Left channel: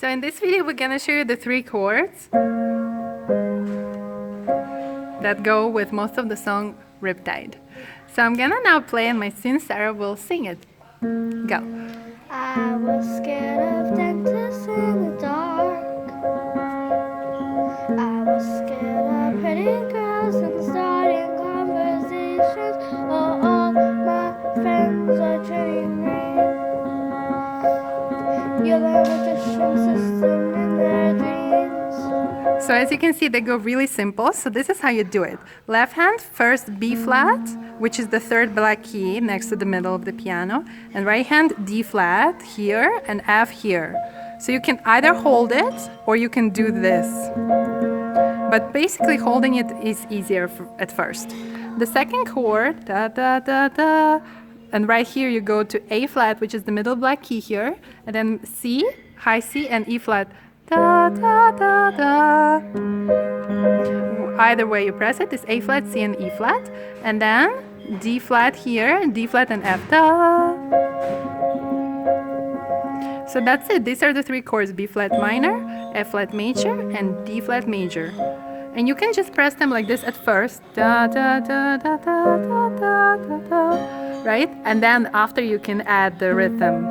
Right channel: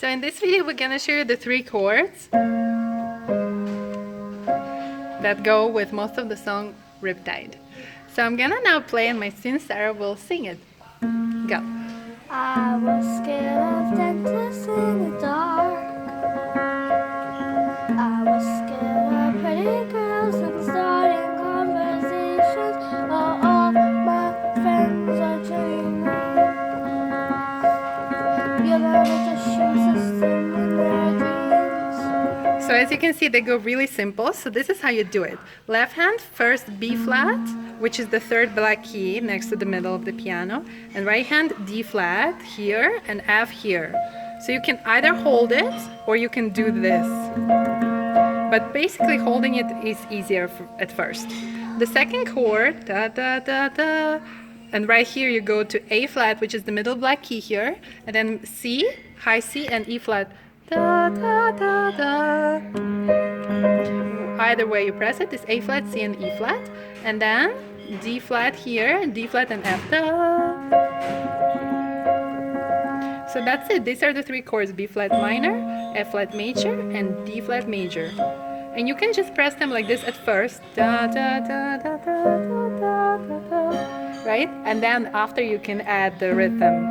So in this video we're gonna show you the 3 chords that go with most of the song Riptide. So I'm gonna now play and my student Sarah will sing it. Go. I was scared of dentists in the dark. I was scared of pretty girls and starting conversations. Oh, all my friends are dreaming. You're the magician system in their dreams. So as you can see, they go really simple. So this is how you do it. Left hand, first B flat, which is the 3rd black key next to the middle of the piano. And right hand, D flat here and F here. So you can either hold it or you can do this. But basically holding it is easier at first. The second chord, da da da da. And right here you go to A flat, which is the middle black key here. And then C, high C, and E flat. Da, da, da, da. Either way you press it, is A flat, C, and E flat. And then D flat here, D flat, and F. Da. So that's it. These are the 3 chords: B flat minor, F flat major, and D flat major. And you can just press them like this at first. Da, da, da, da, da, da, da, da, da. Right? And then after you can add the rhythm.